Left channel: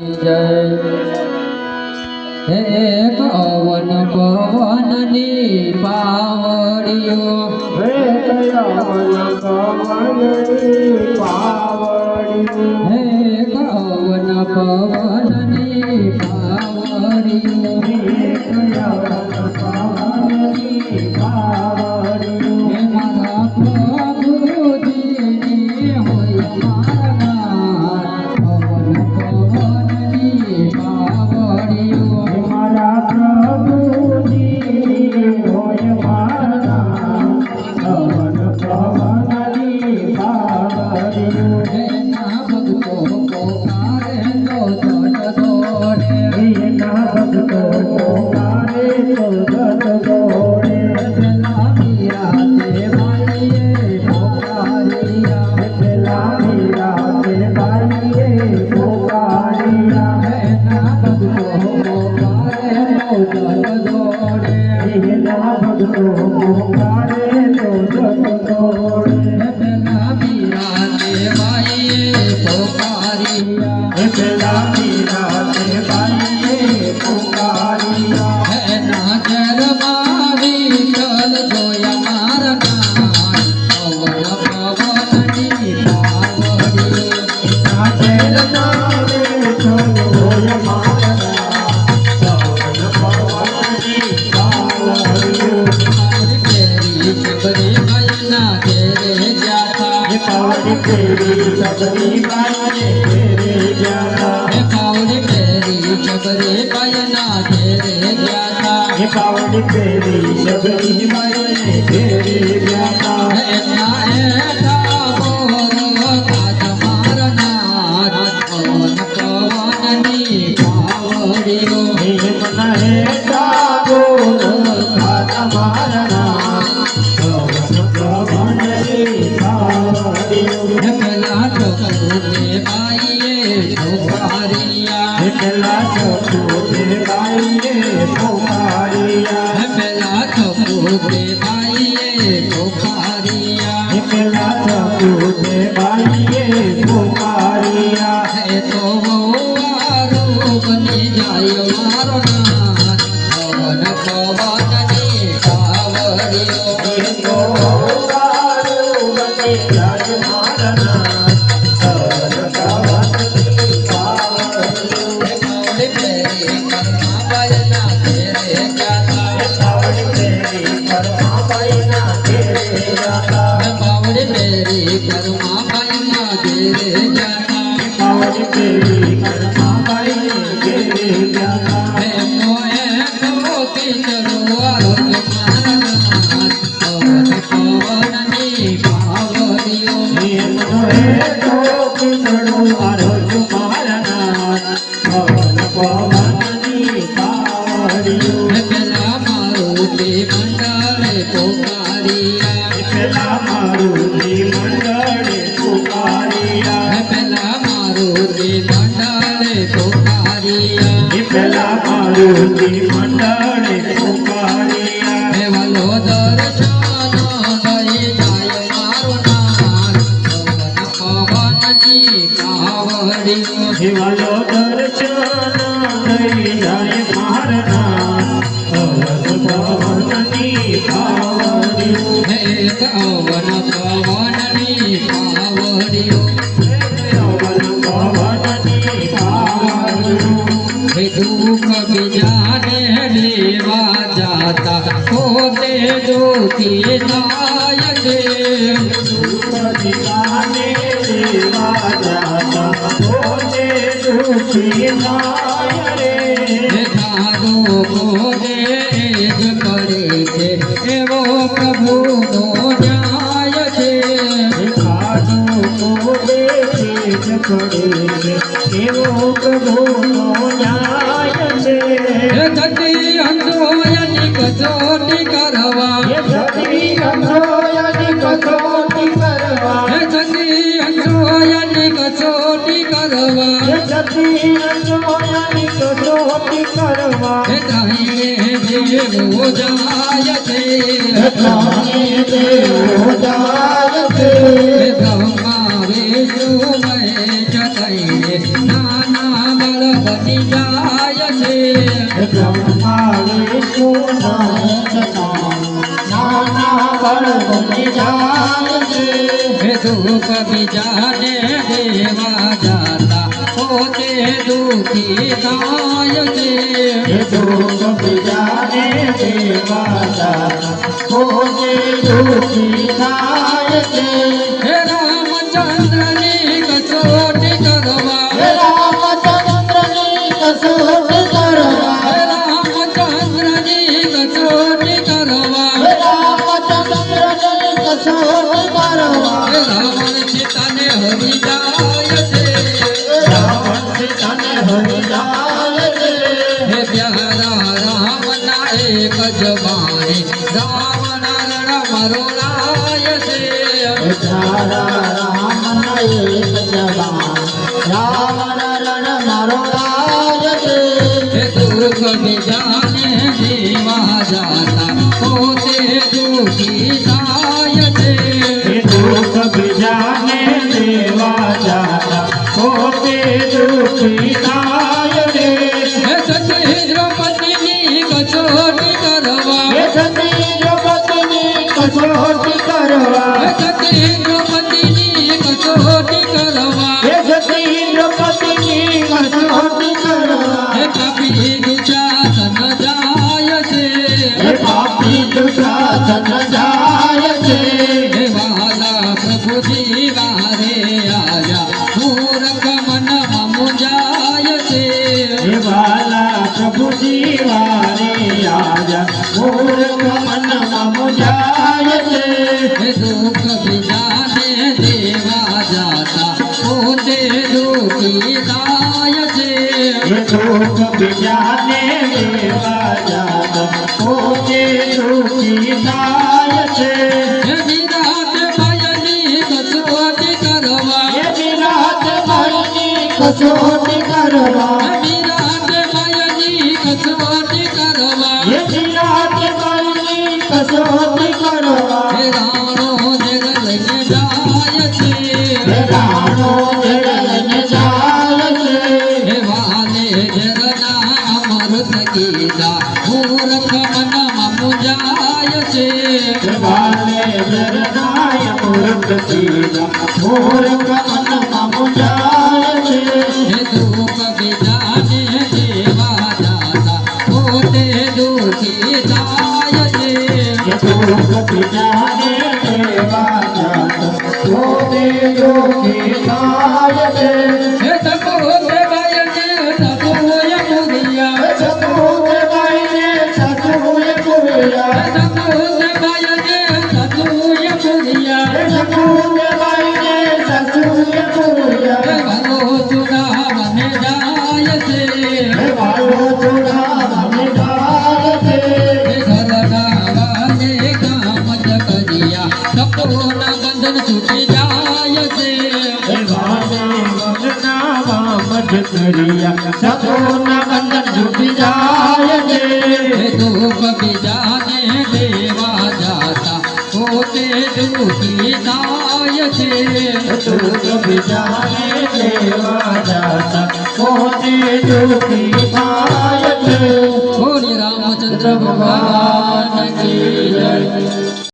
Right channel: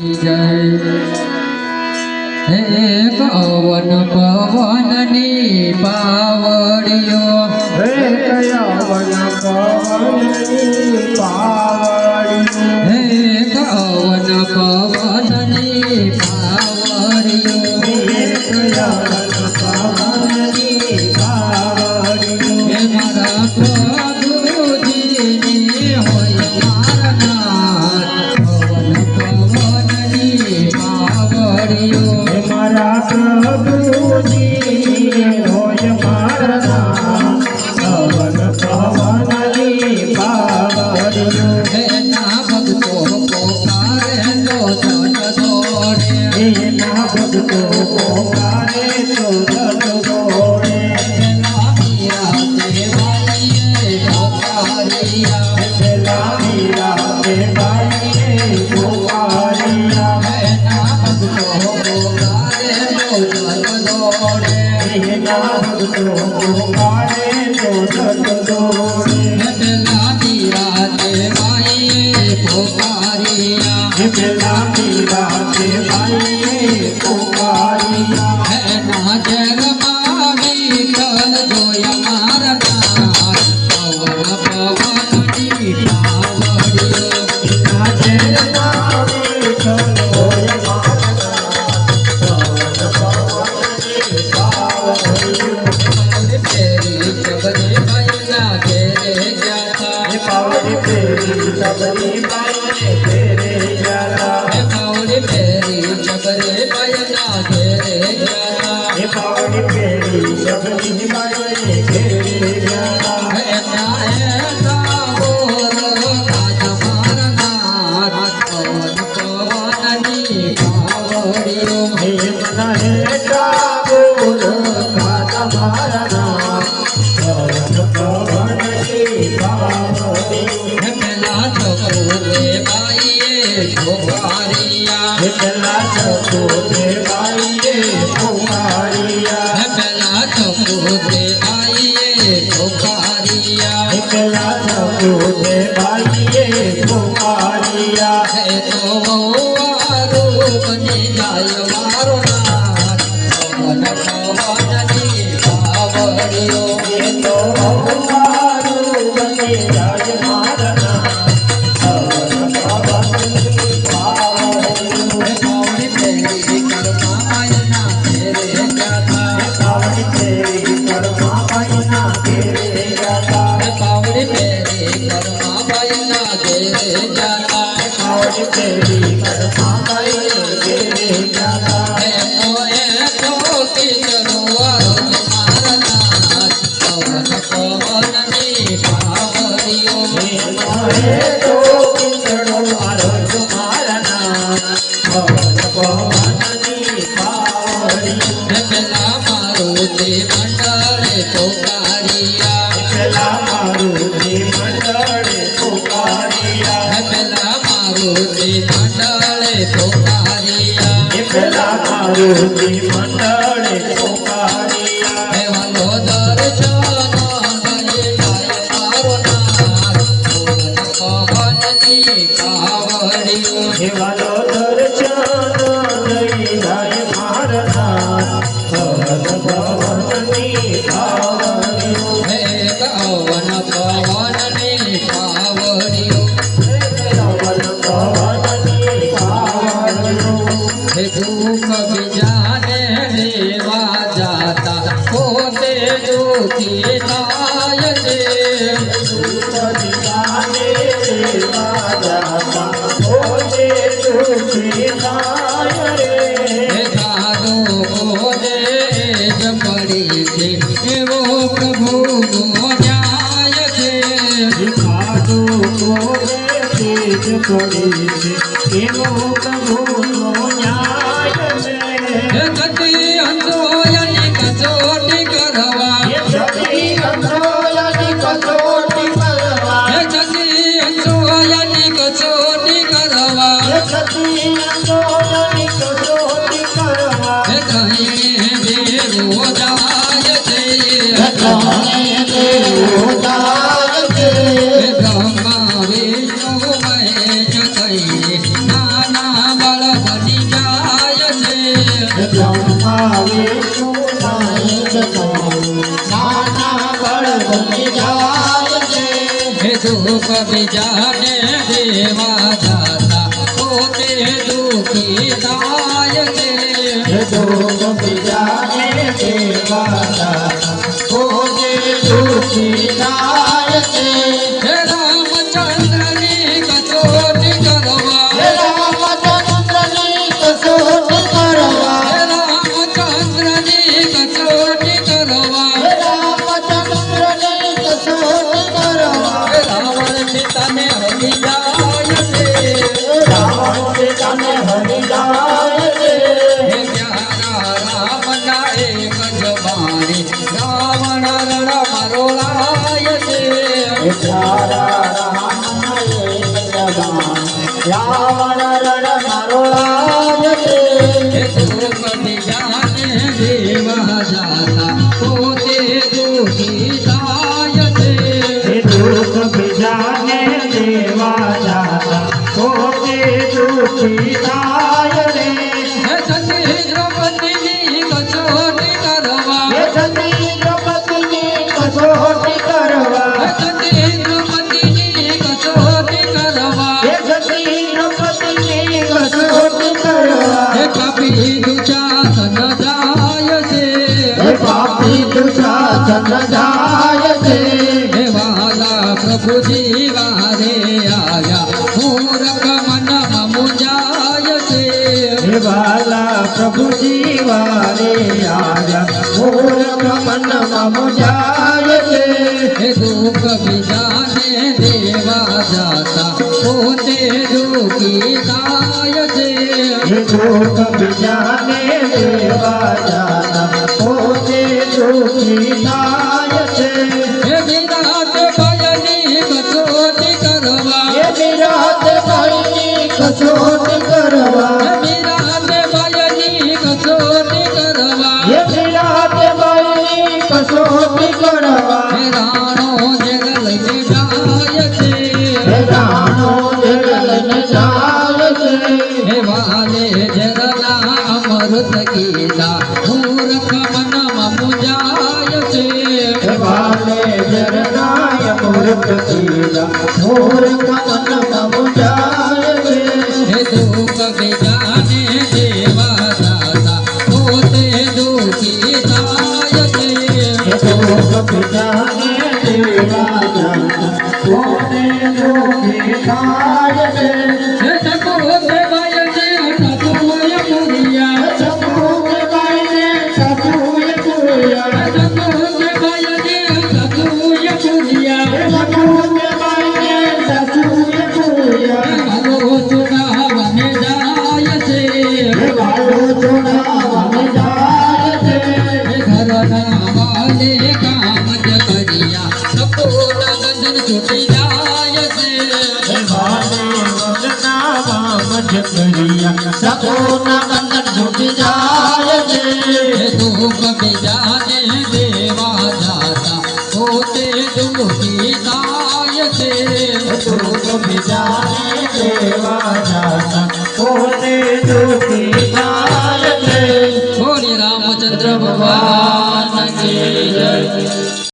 હે પવન પવનની પાવડીઓ હે કયાવન પવનની પાવડીઓ હે પવન પવનની પાવડીઓ હે કયાવન પવનની પાવડીઓ હે મારા પ્રભુજીની હોય મારા પવન પવનની પાવડીઓ હે મારા પ્રભુજી હોય મારા પવન પવનની પાવડીઓ એના ભક્તો પોકારે તો જન દોડે એના ભક્તો પોકારે તો જન દોડે પેલા મીરા દેવાલીએ પોકારિયા પેલા મીરા દેવાલીએ પોકારિયા એના ભક્તો પોકારે તો જન દોડે એના ભક્તો પોકારે તો જન દોડે પેલા મીરા દેવાલીએ પોકારિયા પેલા મીરા દેવાલીએ પોકારિયા એના જરમાં વિઠ્ઠલ જોયા મારના પવન પવનની પાવડીઓ એના ચેરના વિઠ્ઠલ હોય મારા પવન પવનની પાવડીઓ ફેરી ચબરી બાઈના ઘેરે ગયા તા એ પાવડી ફેરી સબરી બાઈને ઘેરે ગયા એ પાવડી ફેરી ચબરી બાઈના ઘેરે ગયા તા એ પાવડી ફેરી સબરી બાઈને ઘેરે ગયા એના એના બોરલો કાજ મારનાર પવન પવનની પાવડીઓ હે મન હે ઠાકોર ખાત મારના પવન પવનની પાવડીઓ હે પેલા ચોકલે બાઈએ પોકારિયા હે પેલા ચકોરે બાઈને પોકારિયા હે પેલા ચોકલે બાઈએ પોકારિયા હે પેલા ચકોરે બાઈને પોકારિયા હે તો આરું બની જાય મારો નાથ પવન પવનની પાવડીઓ હે તો મારું બની જાય મારના પવન પવનની પાવડીઓ હે પાવડી ફેરી કરમાં બાયના ઘેરે ગયા તા પાવડી ફેરી કરમાં બાઈના ઘેરે ગયા હે પાવડી ફેરી કરમાં બાયના ઘેરે ગયા તા પાવડી ફેરી કરમાં બાઈને ઘેરે ગયા હે મોએ તો કિચરો આરોગ મારનાર પવન પવનની પાવડીઓ હે મોહે તો કિચડો આરોગ મારના પવન પવનની પાવડીઓ હે પેલા મારુતિ મંડળે પોકારિયા પેલા મારુતિ મંડળે પોકારિયા હે પેલા મારુતિ મંડળે પોકારિયા પેલા મારુતિ મંડળે પોકારિયા હે વાલો દર્શન દઈ જાય મારો નાથ પવન પવનની પાવડીઓ હેવાલો દર્શન દઈ જાય મારના પવન પવનની પાવડીઓ હે પવન પવનની પાવડીઓ પવન પવનની પાવડીઓ હે દુઃખ બીજાને લેવા જાતા પોતે દુઃખી થાય છે પતિતાને દેવા જાતા પોતે દુઃખી થાય રે હે સાધુ ખોજે જ મળે છે એવો પ્રભુનો ન્યાય છે ખાધો કોરે તેજ પડે છે એવો પ્રભુનો ન્યાય છે હે ગતિ અંધોયની કસોટી કરવા એ સતી અંધોયની કસોટી કરવા હે ગતિ અંધોયની કસોટી કરવા એ સતી અંધોયની કસોટી કરવા હે કહીને દેવો જાય છે જાણે દેવો જાય છે હે બ્રહ્મા વિષ્ણુ મહેશ કહીને નાના બળ દુઃખ બીજાને દેવા જાતા પોતે દુઃખી થાય છે. દુઃખ બીજાને દેવા જાતા પોતે દુઃખી થાય છે. હે રામચંદ્રની કસોટી કરવા, હે રામચંદ્રની કસોટી કરવા, હે રામચંદ્રની કસોટી કરવા, હે રામચંદ્રની કસોટી કરવા. હે રાવણ સીતાને હરી જાય છે. રાવણ સીતાને હરી જાય છે. હે પ્યારા રામના એક જ બાણી રાવણ રણ મરોડાય છે. હે પ્યારા રામના એક જવાન રાવણ રણ મરોડાય છે. હે દુઃખ બીજાને દેવા જાતા પોતે દુઃખી થાય છે. હે દુઃખ બીજાને દેવા જાતા પોતે દુઃખી થાય છે. હે સતી દ્રૌપદીની કસોટી કરવા, હે સતી દ્રૌપદીની કસોટી કરવા, હે સતી દ્રૌપદીની કસોટી કરવા, હે સતી દ્રૌપદીની કસોટી કરવા. હે પાપી દુશાસન જાય છે. હે પાપી દુશાસન જાય છે. હે વાલા પ્રભુજી વારે આયા મૂર્ખ મનમાં મુંજાય છે. હે વાલા પ્રભુજી વારે આજા મૂર્ખ મનમાં મુંજાય છે. હે દુઃખ બીજાને દેવા જાતા પોતે દુઃખી થાય છે. હે દુઃખ બીજાને દેવા જાતા પોતે દુઃખી થાય છે. હે વિરાટ ભયની કસોટી કરવા, હે વિરાટ ભાઈની કસોટી કરવા, હે વિરાટ ભયની કસોટી કરવા, હે વિરાટ ભાઈની કસોટી કરવા. હે રાણો જગ લઈને જાય છે. હે રાણો જગલને જાય છે. હે વાલે ઝરના અમૃત કીધા મૂર્ખ મનમાં મુંજાય છે. હે વાલે જરનાય મૂર્ખ કીધા મૂર્ખ મનમાં મુંજાય છે. હે દુઃખ બીજાને દેવા જાતા પોતે દુઃખી થાય છે. હે દુઃખ બીજાને દેવા જાતા પોતે દુઃખી થાય છે. હે સકુતે ભયને સતુય પુરિયા, હે સતુએ ભાઈને સતુએ પુરિયા, હે સકુતે ભયને સતુય પુરિયા, હે સતુએ ભાઈને સતુએ પુરિયા. હે વાલો ચુનાવને જાય છે. હે વાલો જોડાવાને જાય છે. હે ઘરના વાલે કામ જ કર્યા કપૂર ગંધન છૂટી જાય છે. હે વાલે વરના વામજ કર્યા સતોના બંધન છૂટી જાય છે. હે દુઃખ બીજાને દેવા જાતા પોતે દુઃખી થાય છે. હે દુઃખ બીજાને દેવા જાતા પોતે દુઃખી થાય